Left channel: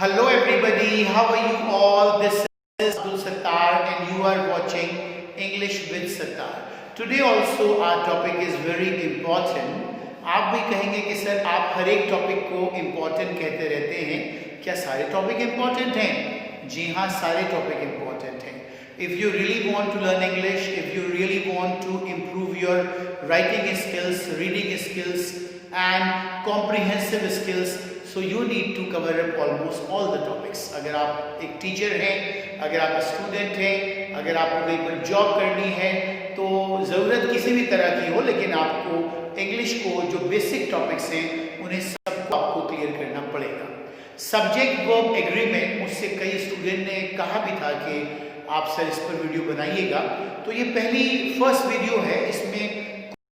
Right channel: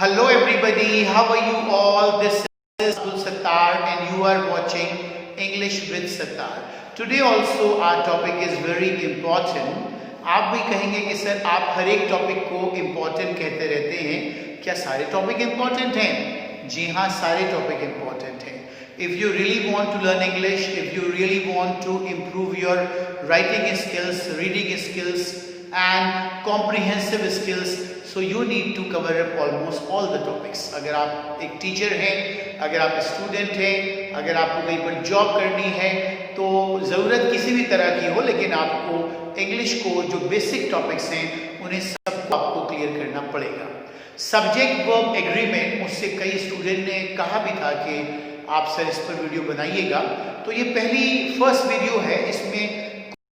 Hello everybody, how are you all? This is Abdul Sattar and you are watching English with Sattar. Today also our topic is very important. आप भी कहेंगे कि sir आप हर एक topic को important कहते रहते हैं, क्या सारे टॉपिक इम्पोर्टेंट हैं? जी हाँ, सारे टॉपिक इम्पोर्टेंट हैं. If you really want to learn English, if you really want to improve your writing skills, reading skills and comprehensive skills, so you need to cover up almost all the topics. अगर आप एक teacher हैं, अगर आप student हैं, अगर आपको कहीं पर जॉब करनी है तो ज़रूरत किसी भी तरह की हो, लेकिन आपको इंग्लिश को जो बेसिक टॉपिक्स हैं उन्हें सबको आपको क्लियर करना पड़ेगा. सब्जेक्ट वर्ब एग्रीमेंट, मुझसे कई स्टूडेंट ने कहा भी था कि आप सर इस पर वीडियो बनाइएगा, तो ये फर्स्ट वीडियो है. इसमें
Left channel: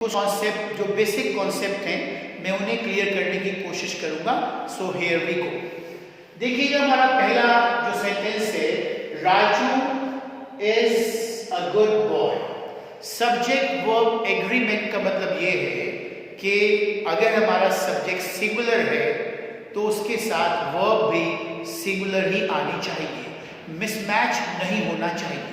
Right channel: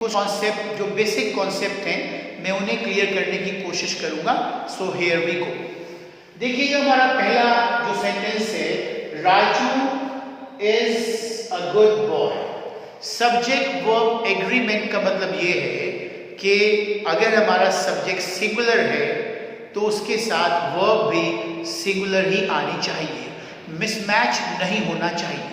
कुछ कॉन्सेप्ट जो बेसिक कॉन्सेप्ट हैं मैं उन्हें क्लियर करने की कोशिश करूंगा. So here we go. देखिएगा, हमारा पहला जो सेंटेंस है, Raju is a good boy. Subject verb agreement का मतलब ये है कि अगर हमारा सब्जेक्ट सिंगुलर है तो उसके साथ वर्ब भी सिंगुलर ही आनी चाहिए, मिसमैच नहीं होना चाहिए.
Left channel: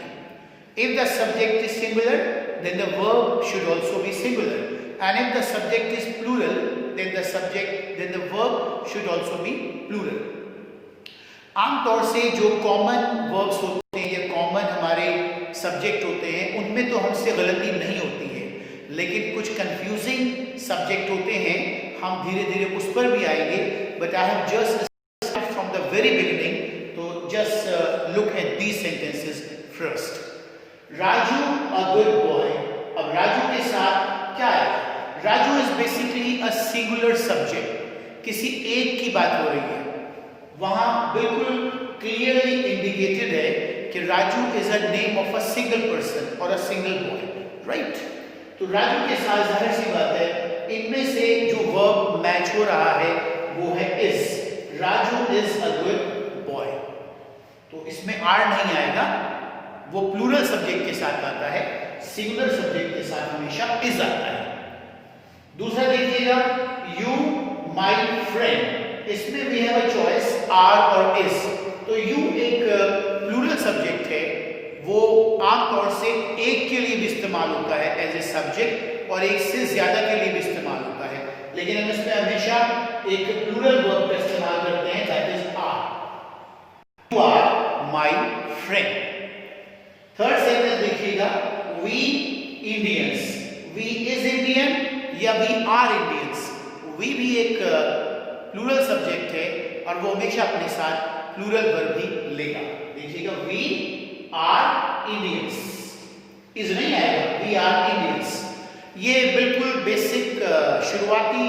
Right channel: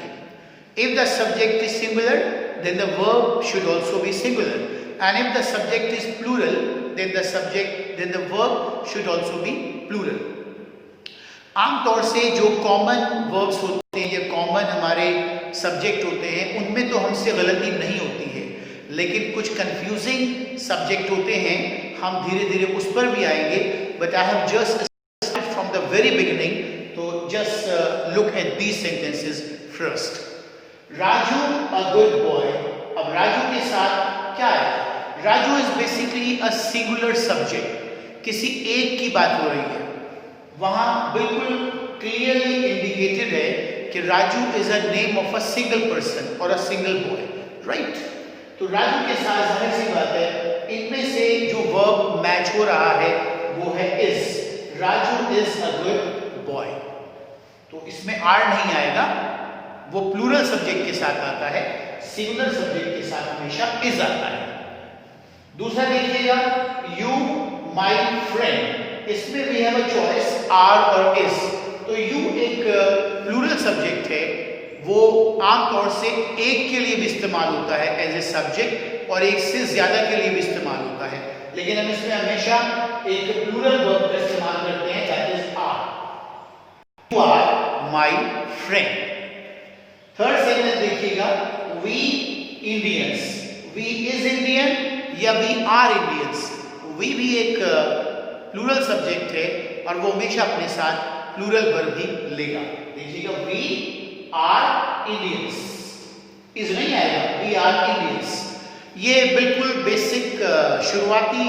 If the subject is singular then the verb should also be singular, and if the subject is plural then the verb should also be plural. आमतौर से जो कॉमन वर्ब्स होते हैं या कॉमन हमारे सब्जेक्ट होते हैं उनमें तो हमसे गलती नहीं होती है, लेकिन कुछ कंफ्यूजिंग सब्जेक्ट होते हैं, हम धीरे धीरे उस पर भी आएंगे. But I have just started from the very beginning, तो just look at these sentences first. Raju a good boy. अब राजू के साथ क्या है? Raju is basically a singular subject. किसी एक की बात हो रही है, वहां बिल्कुल क्लियरली इंडिकेटेड है कि Raju is a name of a single person और अ सिंगल बॉय, राइट? तो राजू के साथ जाहिर सी बात है इनमें से जो वर्ब मैच हो रहा है वो है is. Raju is a good boy, तो इसमें आर नहीं आएगा, वो प्लूरल सब्जेक्ट के साथ आता है, सिंगुलर सब्जेक्ट के साथ हमेशा इज आता है. दूसरा देखिएगा, यू माय फ्रेंड. इसमें we have a choice are और इज. तो यू एक प्लूरल सब्जेक्ट है, वो आमतौर से एक के लिए भी इस्तेमाल होता है एज ए सब्जेक्ट और एक से ज्यादा के लिए भी इस्तेमाल होता है, लेकिन हम इसमें हमेशा एक प्लूरल वर्ब का इस्तेमाल करते हैं, that is are. You are my friend. Third sentence देखिएगा, we Indians. We is Indian या वी आर इंडियंस. वी भी एक प्लूरल सब्जेक्ट है और वो हमेशा अपने साथ प्लूरल वर्ब ही लेगा. देखिएगा, वी आर इंडियंस. इज नहीं आएगा, वी आर इंडियंस. ये बिल्कुल बेसिक शुरुआती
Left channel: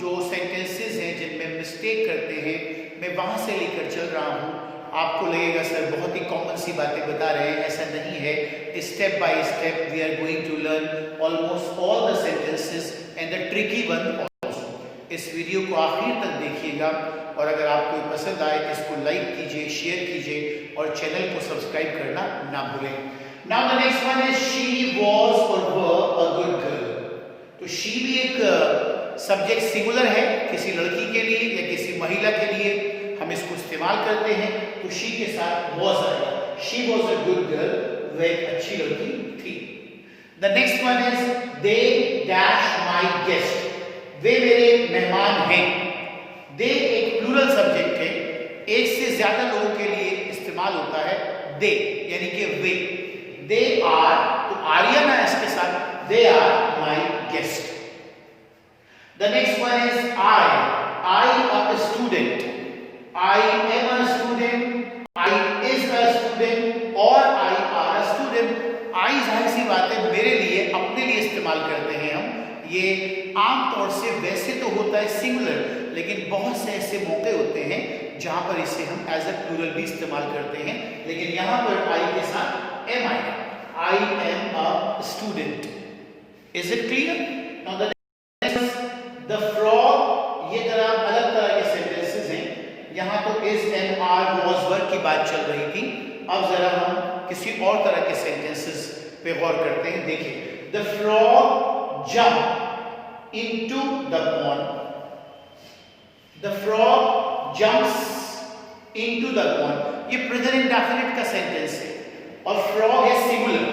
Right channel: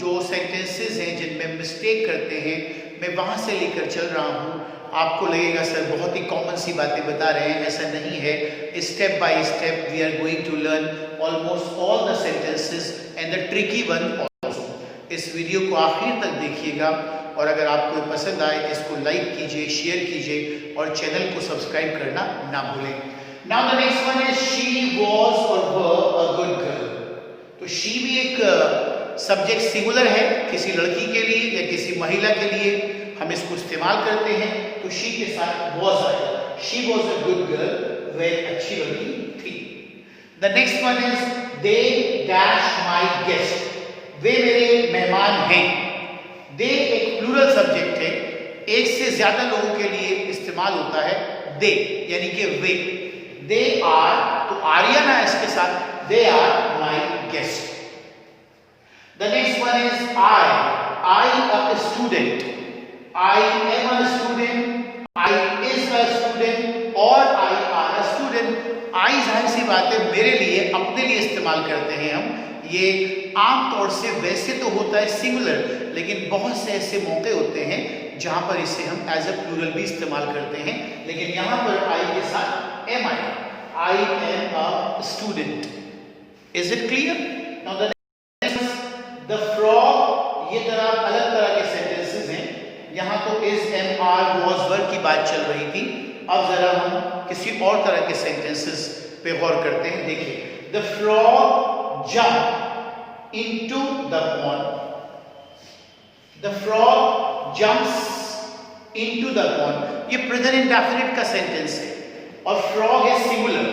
जो सेंटेंसेस हैं जिनमें मिस्टेक करते हैं, मैं वहां से लेकर चल रहा हूं. आपको लगेगा सर बहुत ही कॉमन सी बातें बता रहे हैं, ऐसा नहीं है. Step by step we are going to learn almost all the sentences and the tricky one also. इस वीडियो को आखिर तक देखिएगा और अगर आपको पसंद आए इसको लाइक कीजिए, शेयर कीजिए और चैनल को सब्सक्राइब करना ना भूलें. Now the next one is she was और वर अ गुड गर्ल. तो शी भी एक सब्जेक्ट सिंगुलर है, किसी लड़की के लिए या किसी महिला के लिए हम इसको इस्तेमाल करते हैं, तो शी के साथ वॉज आएगा. She was a good girl, वह एक अच्छी लड़की थी. The next one is they dash my guest. वे मेरे मेहमान हैं. दे एक प्लूरल सब्जेक्ट है, एक से ज्यादा लोगों के लिए इस्तेमाल होता है दे, यानी कि वे. दे आर, तो आर्या ना इसके साथ, they are my guest. The next one is I a student. I am a student, I is a student और I are a student. I जाहिर सी बात है मेरे लिए, अपने लिए इस्तेमाल करते हैं हम. ये आमतौर से वैसे तो होता है सिंगुलर, लेकिन बहुत से ऐसे मौके होते हैं जहां पर इसे हम एज अ प्लूरल भी इस्तेमाल करते हैं, लेकिन यहां पर I के साथ am आएगा. I am a student. Is it clear? Now the next is the frog. ये तरह अलग तरह के सेंटेंसेस हैं. यहां तो इज, एम, आर, वॉज, वर की बात चल रही थी. अब जरा हम किसी और तरह के सेंटेंसेस पे गौर करते हैं. देखिए, the frog jump into the pond. The frog jumps into the pond, ये प्रेजेंट इंडेफिनिट का सेंटेंस है और फ्रॉग है सिंगुलर।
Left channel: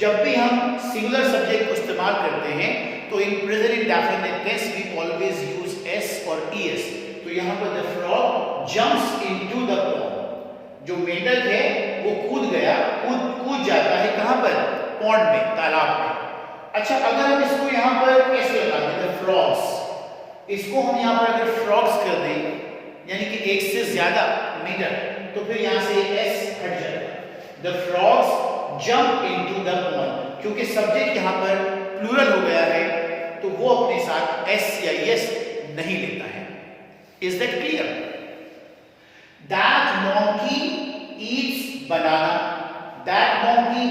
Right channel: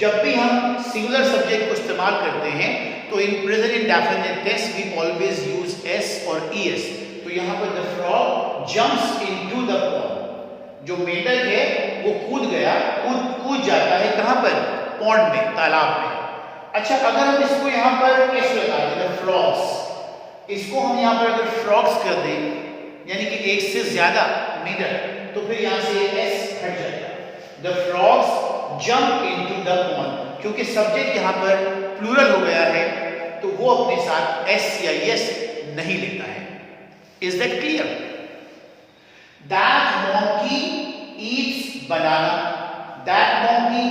जब भी हम सिंगुलर सब्जेक्ट को इस्तेमाल करते हैं तो in present indefinite tense we always use S और ईएस। तो यहाँ पर the frog jumps into the pond, जो मेंढक है वो कूद जाता है कहाँ पर? पॉन्ड में, तालाब में। अच्छा, अगर हम इसको यहाँ पर एस लगा दें, द फ्रॉग्स, इसको हम यहाँ पर अगर फ्रॉग्स कर दें यानी कि एक से ज्यादा मेंढक, तो फिर यहाँ से एस हट जाएगा। The frogs jump into the pond, क्योंकि सब्जेक्ट यहाँ पर प्लूरल हो गया है तो वो अपने साथ एस या यस नहीं लेता है। Is that clear? That monkey Yeats banana, that monkey,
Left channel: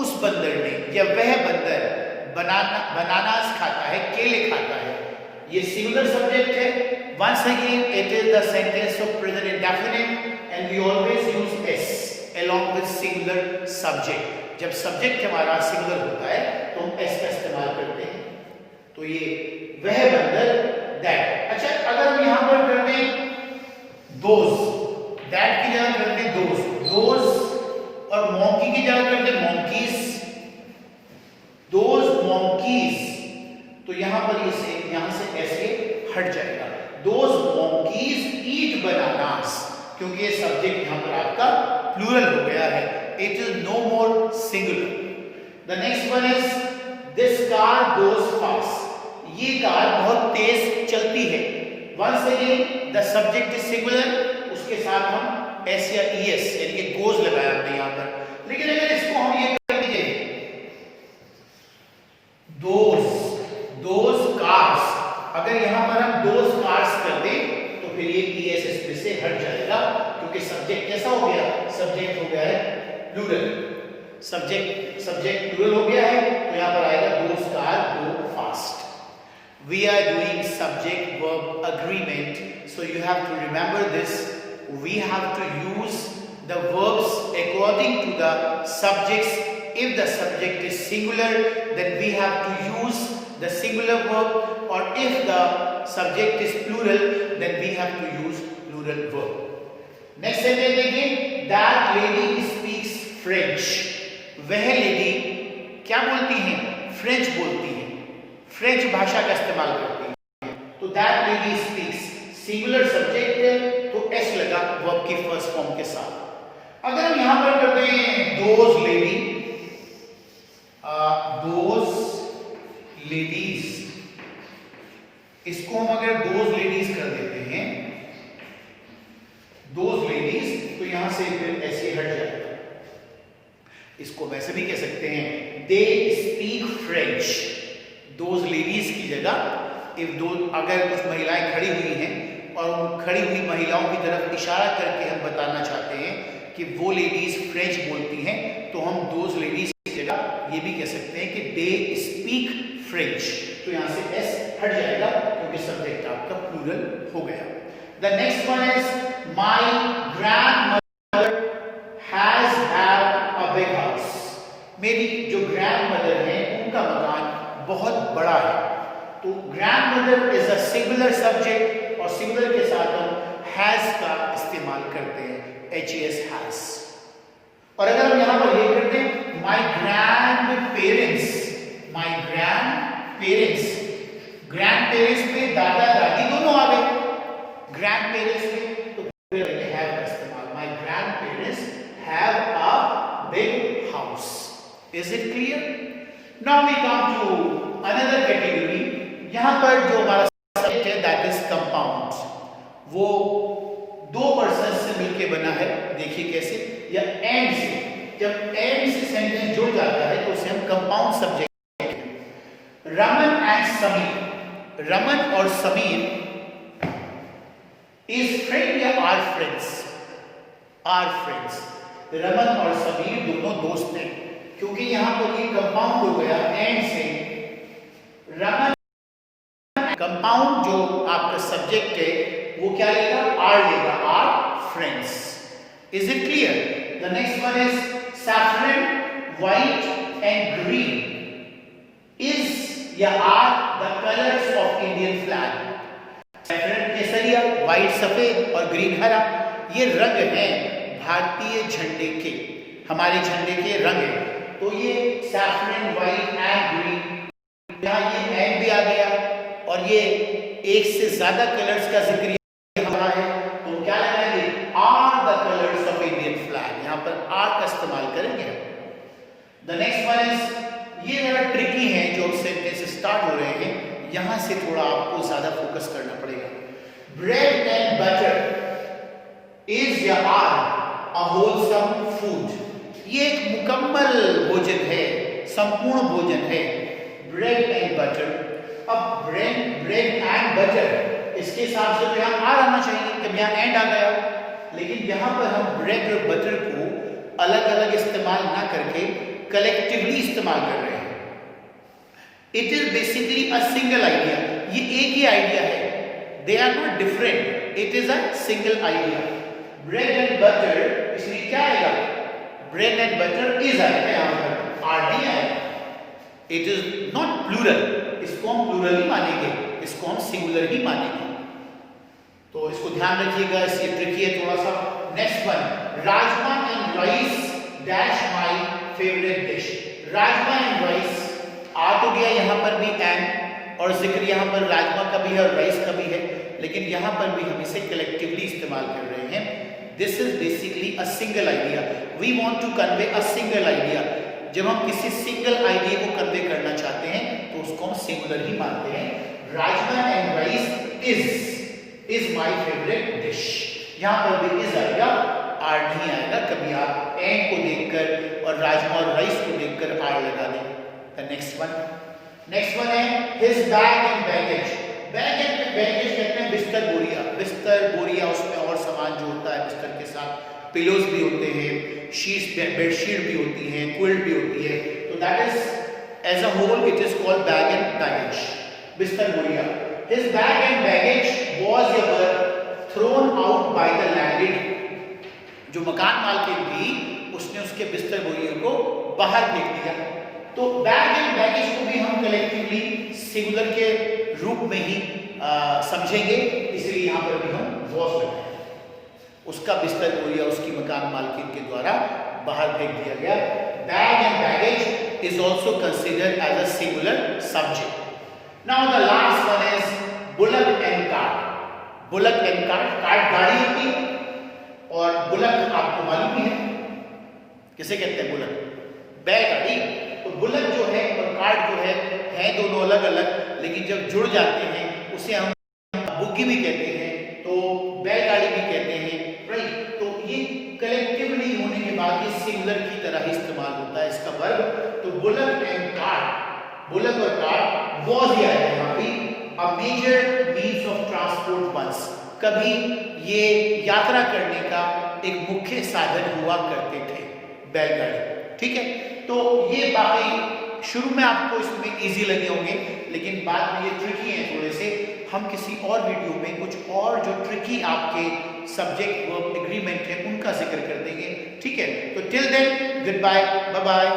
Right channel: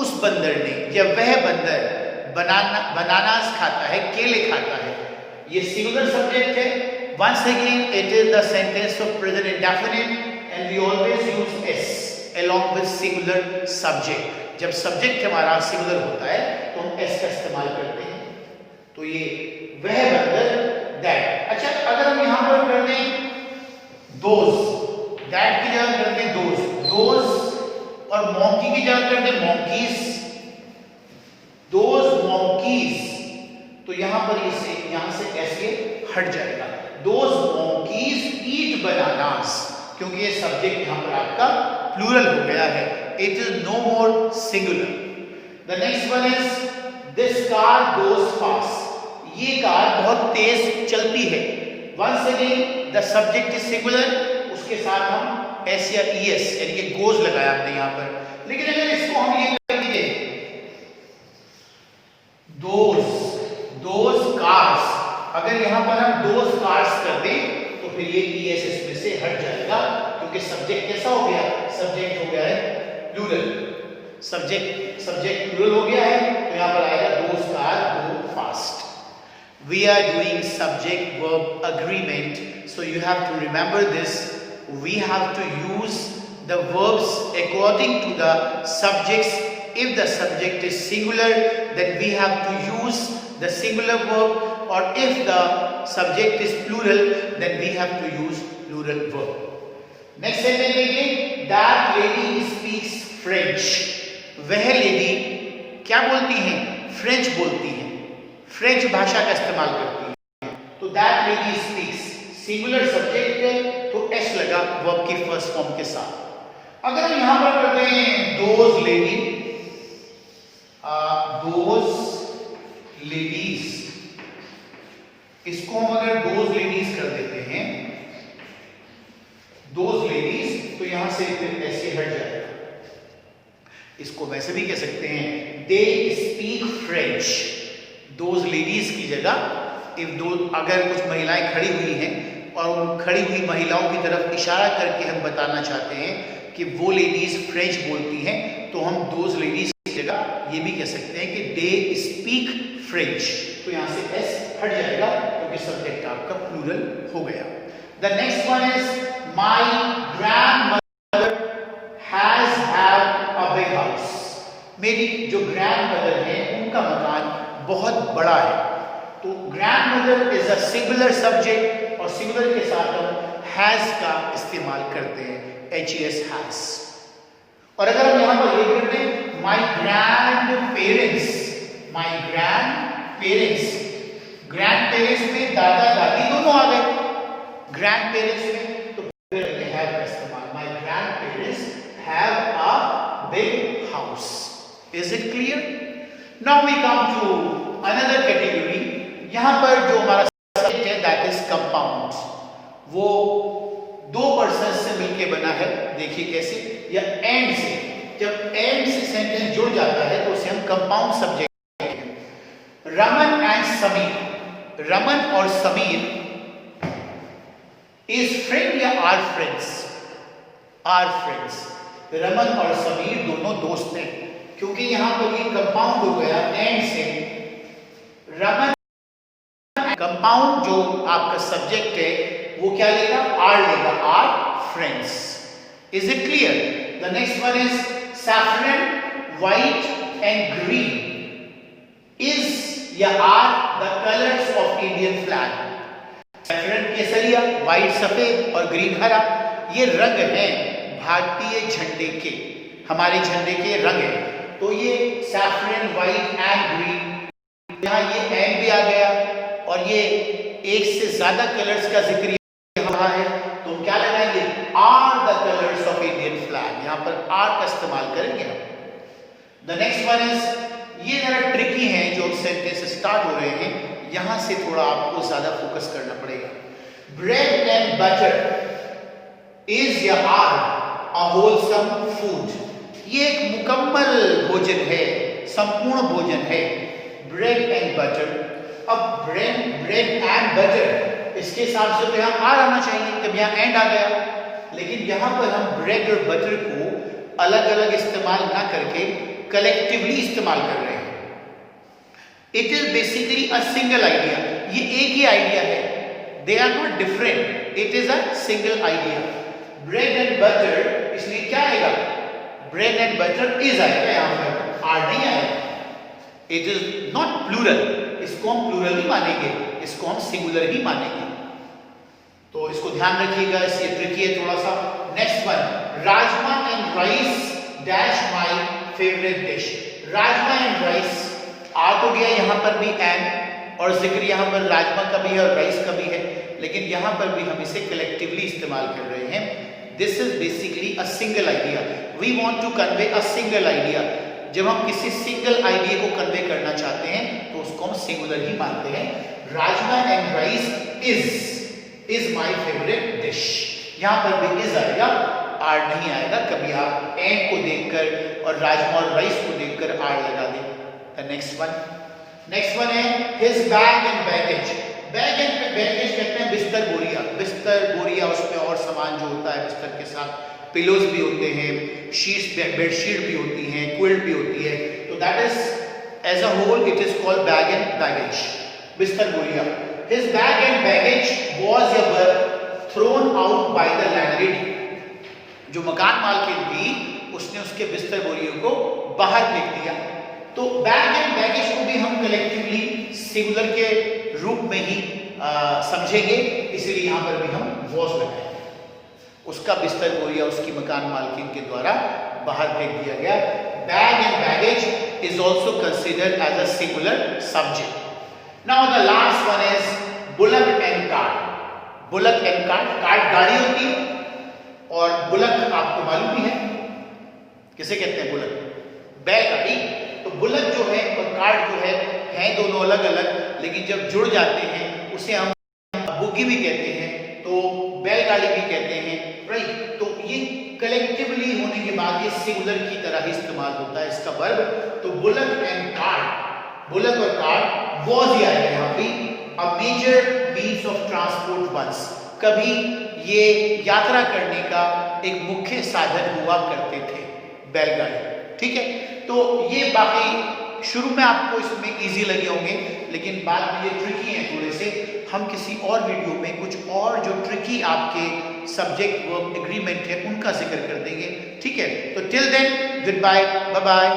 उस बंदर ने या वह बंदर बनानास खाता है, केले खाता है। ये सिंगुलर सब्जेक्ट है। Once again it is the sentence of present indefinite and we always use S along with singular subject। जब सब्जेक्ट हमारा सिंगुलर होता है तो हम एस का इस्तेमाल करते हैं। तो ये वह बंदर, दैट। अच्छा, अगर हम यहां पर कर दें दोज, दैट की जगह कर दें दोज, और मॉन्की की जगह कर दें मॉन्कीज, दोज मॉन्कीज, तो यहां पर यहां से एस ये हट जाएगा। दोज मॉन्कीज ईट बनानास, क्योंकि ये सब्जेक्ट यहां पर आपका प्लूरल हो गया है। It is no more singular. The next one is this car goes fast, ये कार बहुत तेज चलती है। Once again the subject is singular, उसके साथ हम एस या ईएस यानी कि गोज लगाया हमने यहां पर। लेकिन अगर इसको हम ये कर दीजिए दोज कार्स, अगर यहां पर हम दोज कार्स कर दें तो फिर ये ईएस इसमें से हट जाएगा, क्योंकि सब्जेक्ट कैसा हो गया? सब्जेक्ट हो गया है प्लूरल, सब्जेक्ट प्लूरल हो गया है, तो यहां पर आएगा those car go fast. We are doing subject verb agreement, so you have to remember this. We have to use the verbs according to the subjects. If the subject is singular then we have to use the singular verb, or if the subject is plural then we have to use plural verb. Next sentence देखिए, that lady speaks French, वह lady क्या बोलती हैं? French बोलती हैं, French भाषा का इस्तेमाल करती हैं। तो that lady speaks, singular subject है तो एस लगा वर्ब की फर्स्ट फॉर्म के साथ। अगर हम यहां पर करते हैं those लेडीज, इसको हम अगर दोज लेडीज कर देते हैं, दोज लेडीज, तो यहां से फिर ऐसे हट जाएगा। इसको वैसे भी कह सकते हैं they speak French, those ladies की जगह अगर कुछ महिलाएं खड़ी हुई हैं और उन खड़ी हुई महिलाओं की तरफ इशारा करके हम बताना चाहते हैं कि वो लेडीज फ्रेंच बोलती हैं, तो हम दोज लेडीज की जगह ये भी कह सकते हैं कि दे स्पीक फ्रेंच, तो यहां से एस हट जाएगा क्योंकि सब्जेक्ट आपका प्लूरल हो गया। The next one is my grandmother has had a big house, मेरी जो ग्रैंडमदर है उनका मकान बहुत बड़ा है। तो grandmother is a singular subject और सिंगुलर के साथ हम हैज का इस्तेमाल करते हैं, HES हैज। और अगर हम यहां पर ये करते हैं माय ग्रैंड पेरेंट्स में दादा दादी दोनों आ गए, ग्रैंड पेरेंट्स में, तो फिर हैव का इस्तेमाल, my grandparents have a big house. Is it clear? Now we come to another category. यहां पर जो हमारा सब्जेक्ट है दैट इज कंपाउंड, वो दो पर्सन से मिलकर बना है। देखिए कैसे, या एंड से, जब एंड से सेंटेंस जुड़ जाता है तो उसे हम compound subject. Raman and Sameer, Raman और समीर इज फ्रेंड या are friends? Are friends. Raman और समीर दोनों दोस्त हैं, क्योंकि यहां पर ये कंपाउंड हो गया एंड से। रमन कंपाउंड जो आपका सब्जेक्ट है वो क्या लेगा? आर लेगा, are friends. Is it clear? The next one is saffron, white and green is or are the colours of Indian flag. Saffron केसरिया, व्हाइट सफेद और ग्रीन हरा, ये रंग हैं भारतीय झंडे के, हमारे झंडे के रंग हैं। तो ये सैफरन, व्हाइट एंड ग्रीन, यहाँ ये एंड भी आ गया और ये एक से ज्यादा कलर्स का जिक्र यहाँ है, तो क्या लगाएंगे, are the colours of Indian flag, यहाँ पर आर का इस्तेमाल करेंगे हम। द नेक्स्ट वन इज, ये जरा ट्रिकी है जो सेंटेंस स्टार्ट हो रहे हैं, यहां से थोड़ा आपको ज्यादा फोकस करना पड़ेगा। Bread and butter is or are a wholesome food, ये एक मुकम्मल भोजन है, संपूर्ण भोजन है, ब्रेड एंड बटर। अब ब्रेड एंड बटर, इसके हिसाब से तो यहाँ आर आना चाहिए, तब यहाँ एंड आ गया, लेकिन यहाँ पर हम ब्रेड और बटर को अलग अलग इस्तेमाल ना करके कलेक्टिवली इस्तेमाल कर रहे हैं। It is basically a single idea, ये एक ही आइडिया है, they are not different, it is a single idea. Bread and butter, इसलिए क्या आएगा, ब्रेड एंड बटर इज आएगा, यहां पर आर नहीं आएगा। इट इज नॉट प्लूरल, इसको हम प्लूरल ही मानेंगे, इसको हम सिंगुलर ही मानेंगे, तो इसको ध्यान रखिएगा, इससे ट्रिकी है थोड़ा सा। Next one, rajma and rice dash my favourite dish, rajma and rice, आ तो गया यहाँ पर भी एंड, और जिक्र यहाँ पर राजमा का भी है और राइस का भी है, लेकिन यहाँ पर भी हम इसे कलेक्टिवली इस्तेमाल कर रहे हैं। This is basically a single idea, we want to convey a single idea. जब हम किसी सिंगल आइडिया को कन्वे करना चाहते हैं तो उसको हम सिंगुलर ही मानते हैं। Rajma and rice is my favourite dish, यहाँ पर भी इज आएगा, आर नहीं आएगा। कभी आप एंड को देखकर और राजमा और राइस को देखकर आर लगा दें। नेक्स्ट वन है his bag and baggage, bag and baggage कहते हैं बिस्तर बोरिया, बिस्तर बोरिया, उसमें और सामान जो होता है बिस्तर के साथ, पिलोज भी होते हैं, शीट्स, बेडशीट भी होती हैं, क्विल्ट भी होती है, तो that is as a whole it is called bag and baggage, बिस्तर बोरिया। His bag and baggage was ever thrown out by the landlady, जो मकान मालकिन थी उसने उसके बिस्तर बोरियों को बाहर फेंक दिया। तो बैग एंड बैगेज को भी हम कलेक्टिवली सिंगुलर के रूप में ही समझेंगे, इसलिए यहां पर भी हम वॉज लगाएंगे। उसका बिस्तर बोरिया उसकी मकान मालकिन के द्वारा बाहर फेंक दिया गया। Bag and baggage is also considered as a singular subject. Now the last one is bullock and cart, bullock and cart, cart गाड़ी होती है और बुलक आपको मालूम ही है किसे कहते हैं, बुलक, बैलगाड़ी। तो बुलक जो है और कार्ट जो है दोनों अलग अलग, लेकिन जब जुड़ जाते हैं उसे हम बुग्गी भी कहते हैं, तो बैलगाड़ी भी कहते हैं, राइट। तो ये कलेक्टिवली होने के बाद ये सिंगुलर की तरह ही इस्तेमाल होता है इसका वर्ब। तो बुलक एंड कार्ट, बुलक और कार्ट वॉज ही आएगा यहाँ पे, a major means of transport once, कभी ये यात्रा करने का एक मुख्य साधन हुआ करते थे बैलगाड़ी, ठीक है। तो ये बाकी शुरू में आपको इसमें इजी लगे होंगे, लेकिन बाद में ये ट्रिकी हैं थोड़े से। हम किसी और वीडियो में कुछ और जो ट्रिकी आपके सब्जेक्ट वर्ब एग्रीमेंट है उनका जिक्र कर देंगे, ठीक है। तो till then goodbye, bye bye.